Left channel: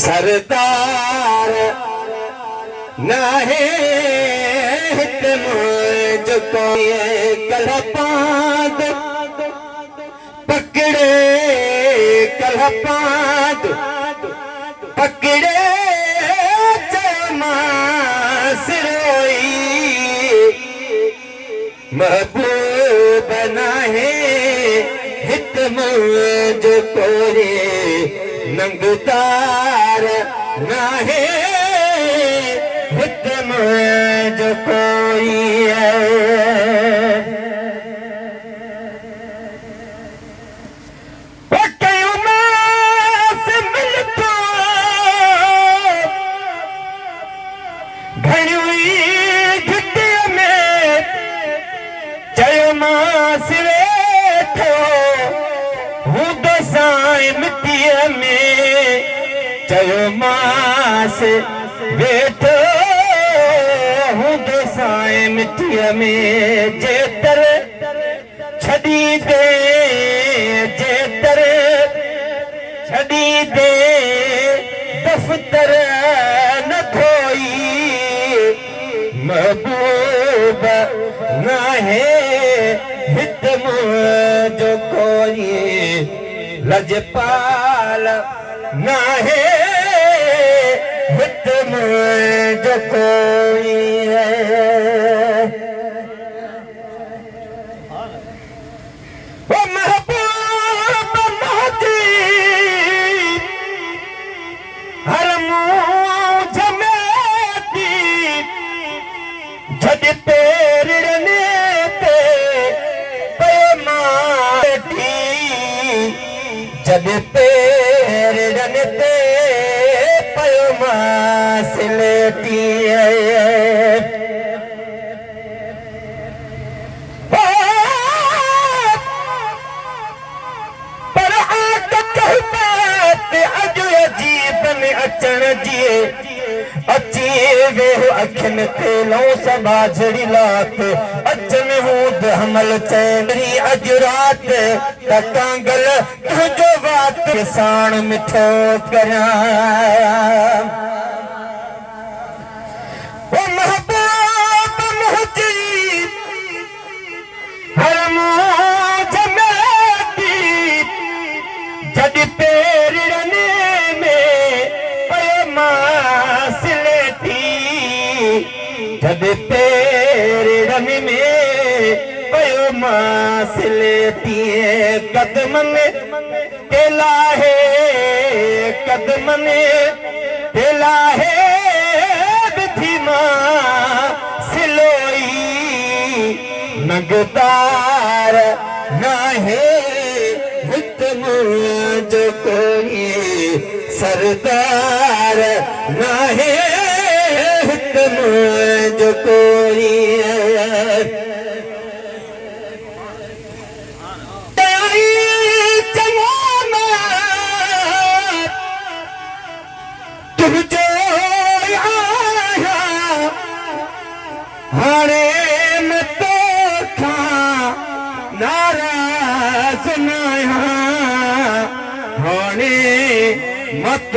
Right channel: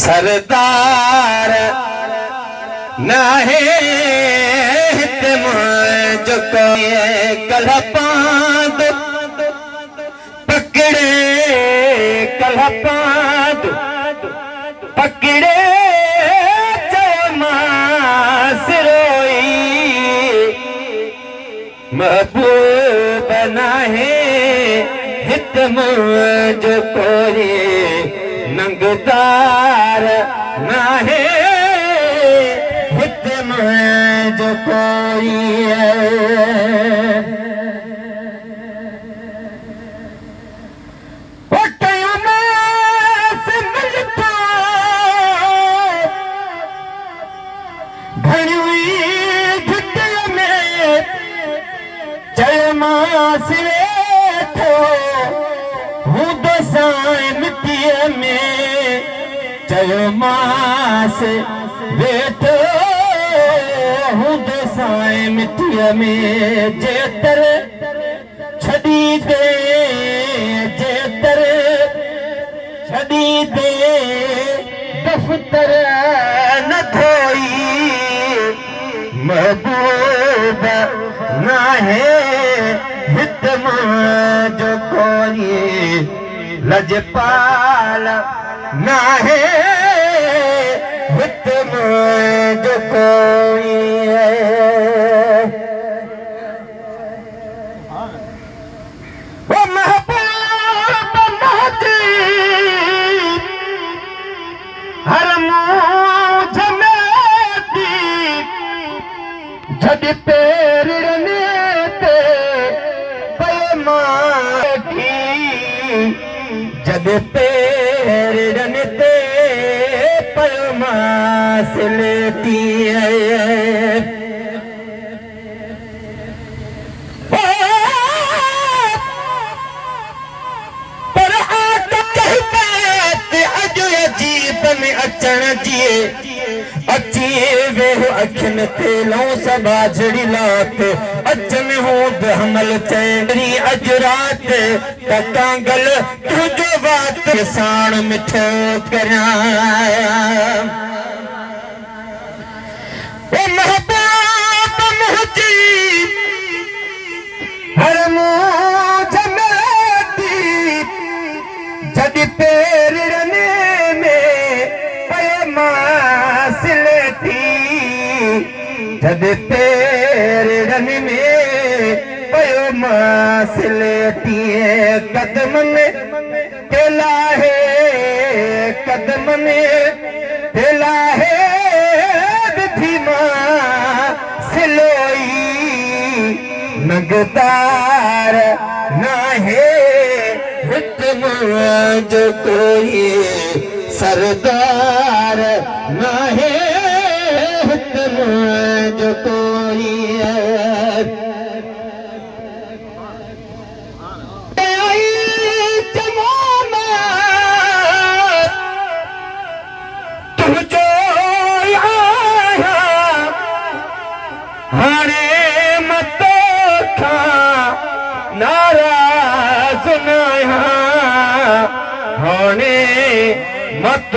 सरदार नाहे मुझ को कलपाद पकड़े कलपाद पकड़े सिरोई महबूब नाहे हित मुझ को नंगदार नाहे हित मुझ कोई चयो मास वेठो हूं दसाए मिट्टीअ में जेतर छड़ी दे जेतर छड़ी दे दफ्तर न धोई महबूब नाहे हित मुझ कोई लजपाल नाहे हित मुझ कोई वो महबूब नाती हर मुझ में दी जद पैर रनेते पैमाठी जब पैर रनते पयमास लेती पर आत कही बात अज अजीब में अचण जिए अची वो अखिन ते लो सबा झड़ी लात अचन हो हमल चेरी अज रात कांगल तुझो बात साण मिठो कराया ओ महबूब मुझी हर मुझ में जद पैर रने में पयमास जब पैर रन में पयमास लेती कदमन के लाहे कदमन के लाहे धीमा सिलोई नगदार नाहे हित मुझ कोई सरदार नाहे हित मुझ कोई मत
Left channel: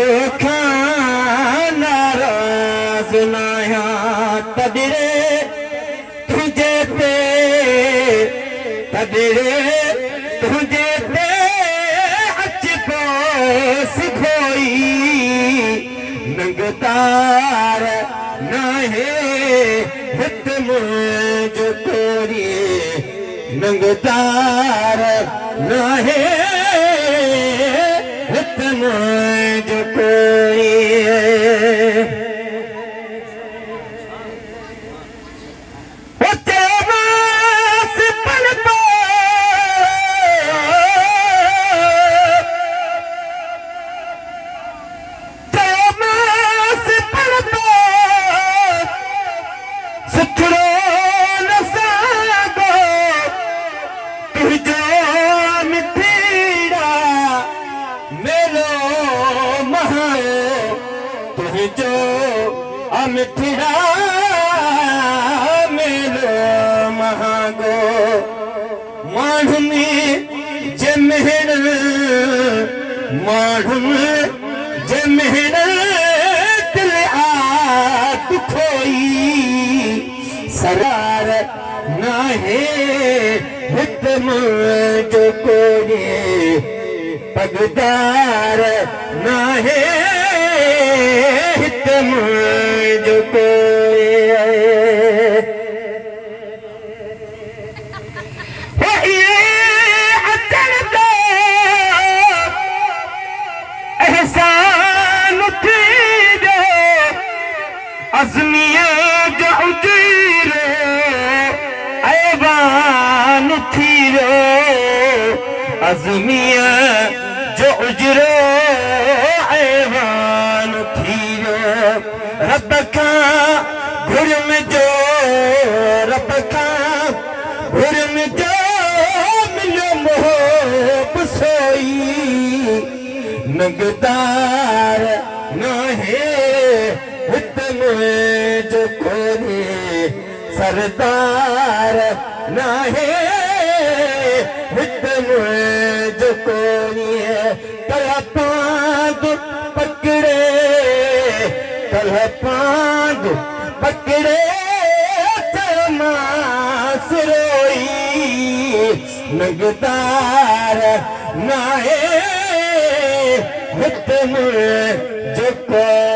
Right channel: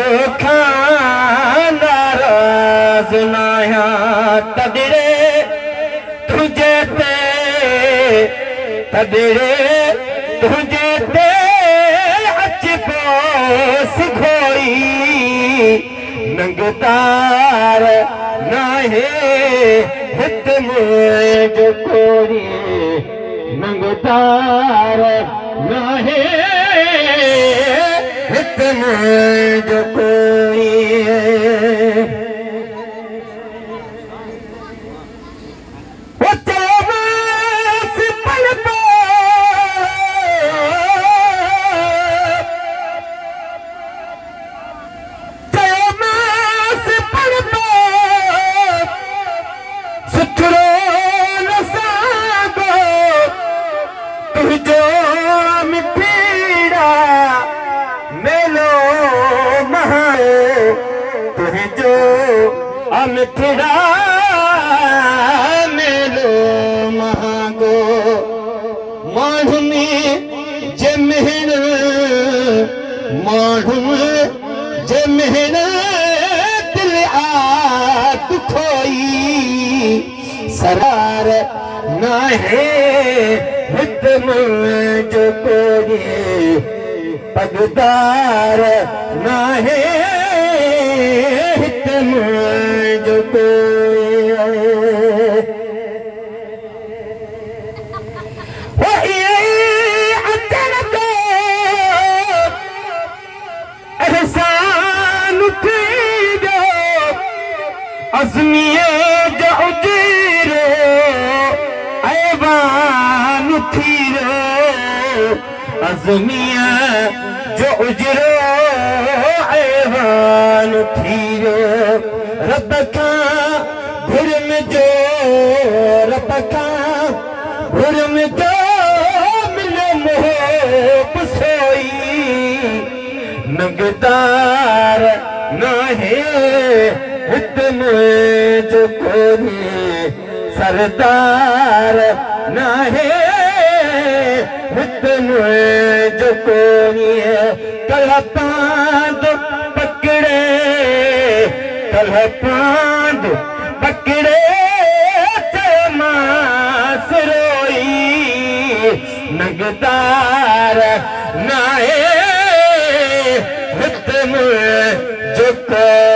नाराज नाया तदरे तुझे ते अच पोस घोई नंगतार नाहे हित मुझ कोई नंगतार नाहे हित मुझ कोई मिठड़ा मेलो महागो माण्हुनि जे मेहण माण्हुनि जे महिनत आत खोई सरार नाहे हित मुंहिंजो कोई पगदार नाहे हित मुंहिंजो कोई एहसान थींदो अज़मीअ जो उजीरो ऐवान थी रे अज़मीअ जो उजरो ऐवान थी रे रब खां घुरम जो रब खां घुरम जो मिलो मोह सोई नगदार नाहे हित मुंहिंजो कोई सरदार नाहे हित मुंहिंजो कोई कल पांद पकड़े कल पांद पकड़े ते मास रोई नगदार नाहे हित मुंहिंजो कोई